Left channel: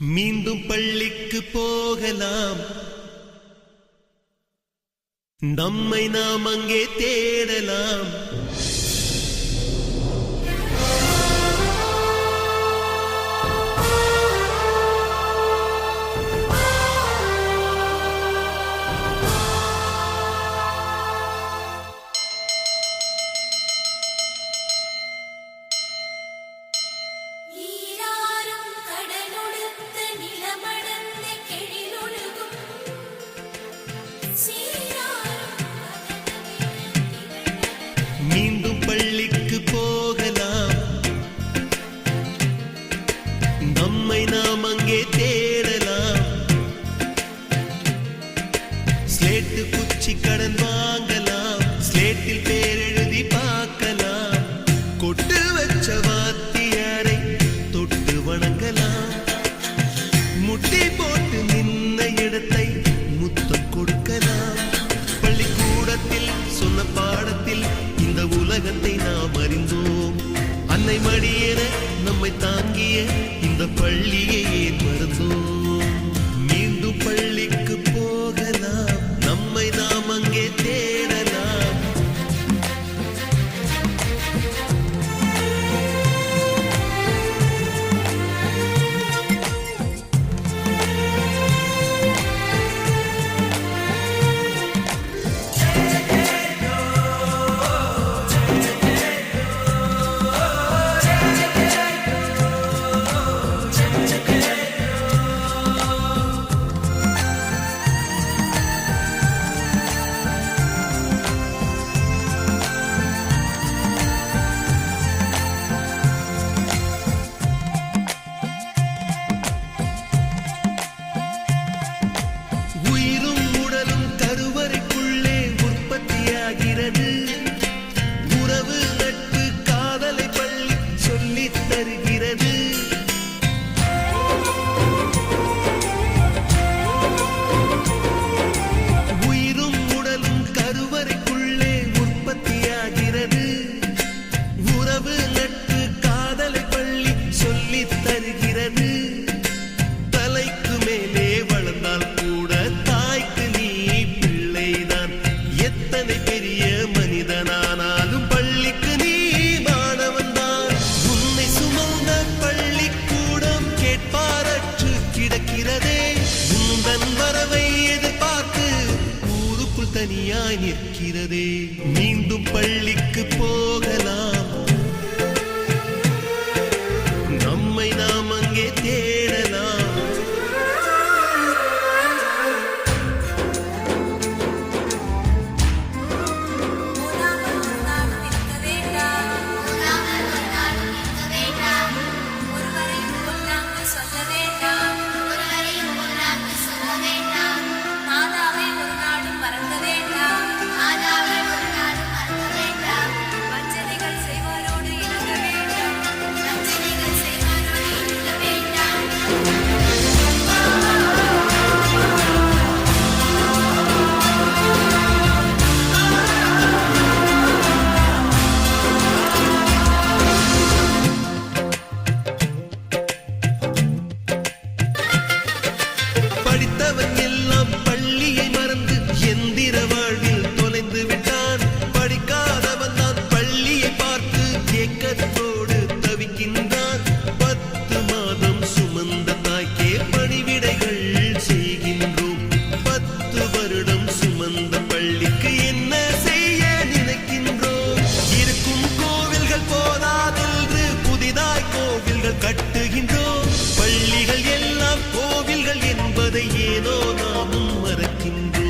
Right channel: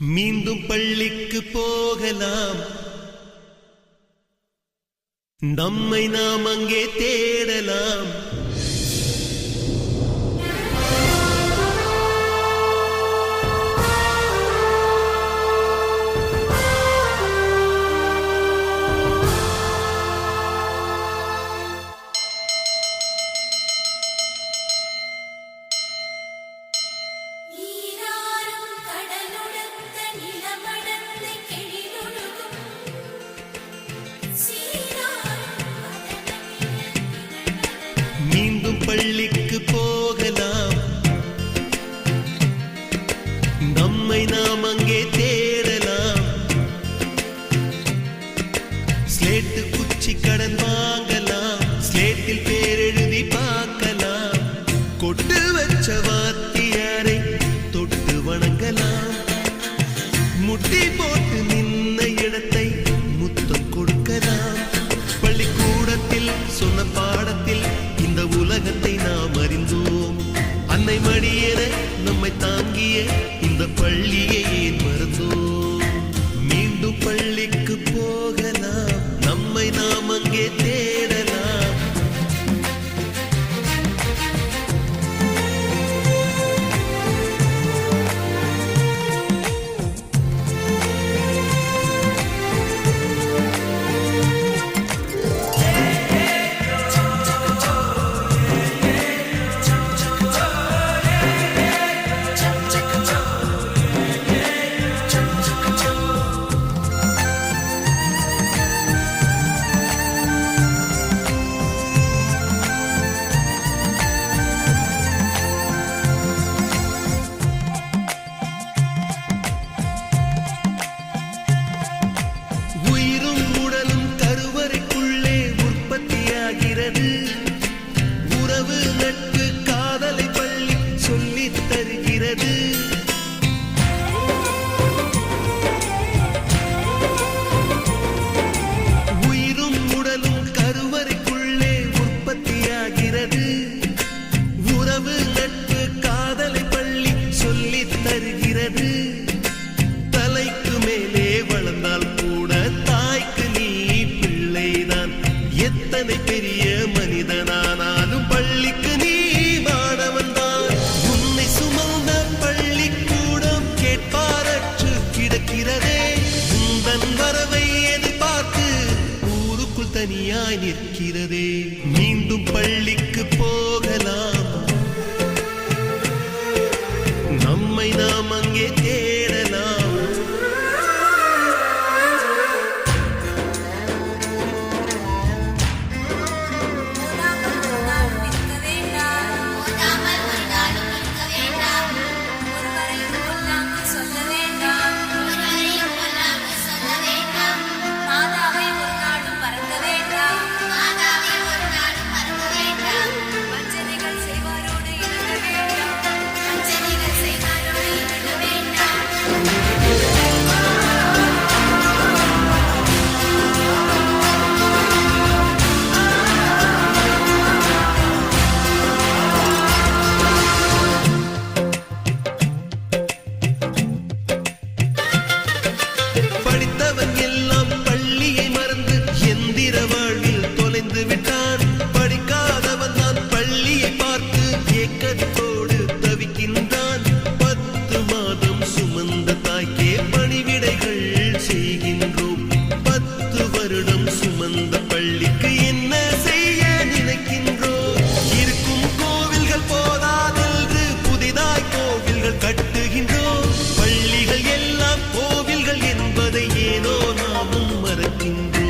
மீண்டும் பள்ளிக்கு போகலாம், நம்மை நாம் அங்கே தேடலாம். மீண்டும் பள்ளிக்கு போகலாம், நம்மை நாம் அங்கே தேடலாம். ஸ்லேட்டு குச்சி கடன் வாங்கலாம், ஸ்லேட்டில் பேர் எழுதி பார்க்கலாம். கொட்டு வச்ச வாத்தியாரை தொட்டு வணங்கலாம், முட்டி போட்டு நின்ன இடத்தை முத்தம் கொடுக்கலாம். பள்ளிக்கூடத்தில் சொன்ன பாடத்தில் இந்த உலகத்தை நாம் அறிந்தோம். அன்னை மடியென நம்மை தாங்கிய இந்த பள்ளியை ஏன் மறந்தோம்? மீண்டும் பள்ளிக்கு போகலாம், நம்மை நாம் அங்கே தேடலாம். உயிரும் உடலும் கருவறைக்குள்ளே உற்பத்தியாகிறது. உறவு நட்பு காதலை பள்ளி சொல்லித் தருகிறது. உயிரும் உடலும் கருவறைக்குள்ளே உற்பத்தியாகிறது. உறவு நட்பு காதலை பள்ளி சொல்லித் தருகிறது. தலைக்கு மேலே வளர்ந்தால் கூட தாய்க்கு நீ பிள்ளைதான். எத்தனை பெரிய மனிதனானாலும் பள்ளிக்கு நீ மாணவன்தான். உன்னை சுமந்த பள்ளிக்கூடம் கேட்பாரற்று கிடக்கிறதே. உந்தன் வரவை எதிர்பார்த்து ஊருக்குள் தனியாய் நிற்கிறதே. மீண்டும் பள்ளிக்கு போகலாம், நம்மை நாம் அங்கே தேடலாம். சொல்ல வேண்டாம், மாதாவை ஒரு நாளும் மறக்க வேண்டாம். வஞ்சனைகள் செய்வாரோடு இணங்க வேண்டாம். படித்தவன் எல்லாம் பள்ளியை மறந்து எந்திர வாழ்வில் தொலைந்து விட்டான். படிக்காதவன் தான் பள்ளியை பார்த்து ஏக்கத்தோடு தவிக்கின்றான். 10 மாதம் சுமந்த தாய்க்கே பணிவிடைகள் செய்கின்றோம். 10 வருடம் சுமந்த பள்ளிக்கு என்ன செய்ய நினைக்கின்றோம்? இருக்கும் கோவில்கள் போதாதென்று புதிதாய் கோவில்கள் கட்டுகின்றோம். பள்ளிகள் எல்லாம் கோவில்கள் என்பதை ஏனோ நாமும் மறக்கின்றோம்.